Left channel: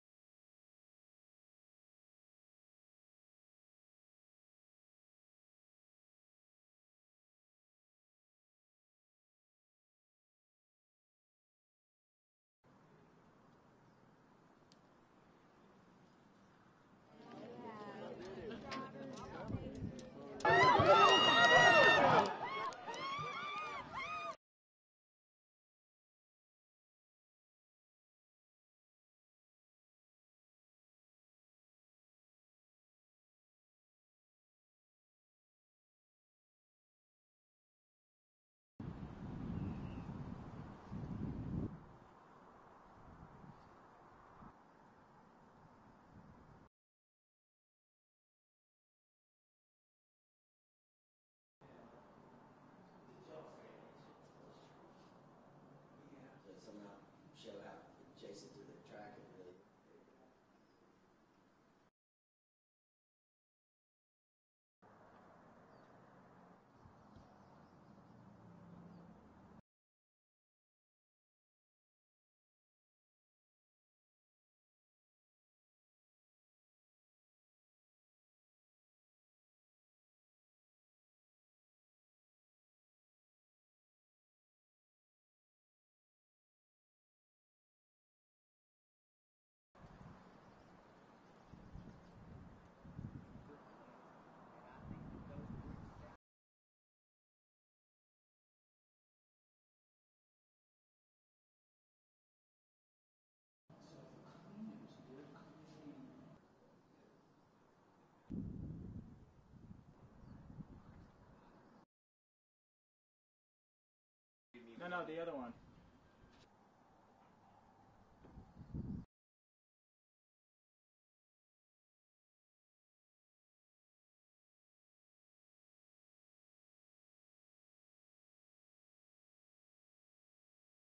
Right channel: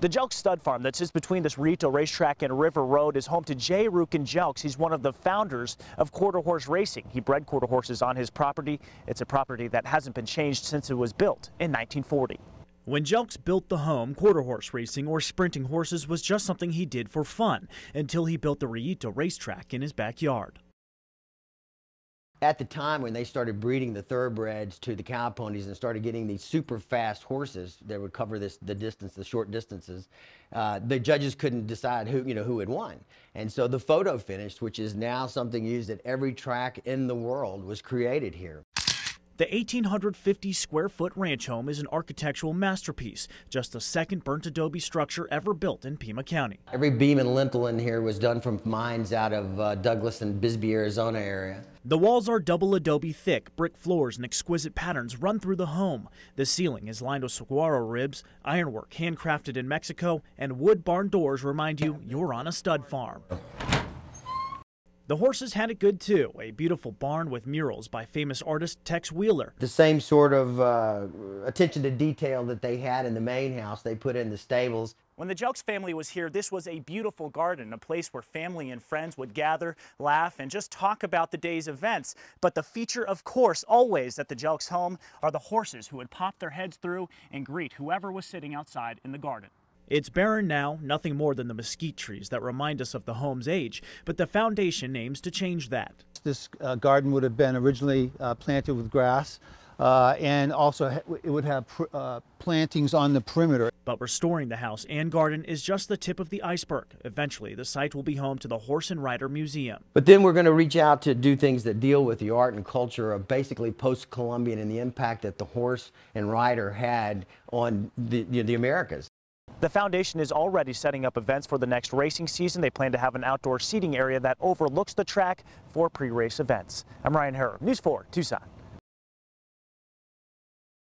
The Jelks Stud Farm that sits between this Rito racetrack and River Road is home to Jay Rukin Jelks. He's one of the founders of quarter horse racing. He bred quarter horses on his property. It's a property that hasn't been changed since it was built in 1940. When Jelks built the home, quarter horse racing or sprinting horses was just something he did for fun until he built the Rito racetrack in his backyard. At the time when they started breeding the thoroughbreds to the cow ponies and started getting these super fast horses that would cover the short distances, the judges couldn't decide who had won. And so the photo finish, which is now something used at every track in the world, was created here. The 1,850 square foot ranch home is an architectural masterpiece, just the second burnt adobe structure ever built in Pima County. Every beam and lintel in here was done from mines out of Douglas and Bisbee, Arizona area. The walls are double adobe thick, brick floors and exquisite patterns run through the home. The ceiling is lined with saguaro ribs, ironwork handcrafted in Mexico, and wood barn doors remind you you're on a stud farm. The horses had it good too, a beautiful barn with murals by famous artist Tex Wheeler. The same sort of attention to detail that they had in the main house, they put in the stables. When the Jelks family was here, this was a beautiful garden, a place where family and friends would gather, laugh, and just talk about the day's events. But the feature, of course, always at the Jelks home are the horses who would pop their heads through and greet whoever was sitting outside in the garden. It's barren now, nothing more than the mesquite trees that remind us of the home's age, but the foundation aims to change that. This garden would have been originally planted with grass, and also it would have plantings on the perimeter. But restoring the house and garden is just the tip of the iceberg. Eventually, the site will be home to the Horse and Rider Museum. But then we're going to reach out to do things that deal with the art and culture of basically post-Columbian and the impact that the horse and rider had on the Americas. The foundation is already setting up events for the next racing season. They plan to have an outdoor seating area that overlooks the track for pre-race events. I'm Ryan Herr, News 4, Tucson.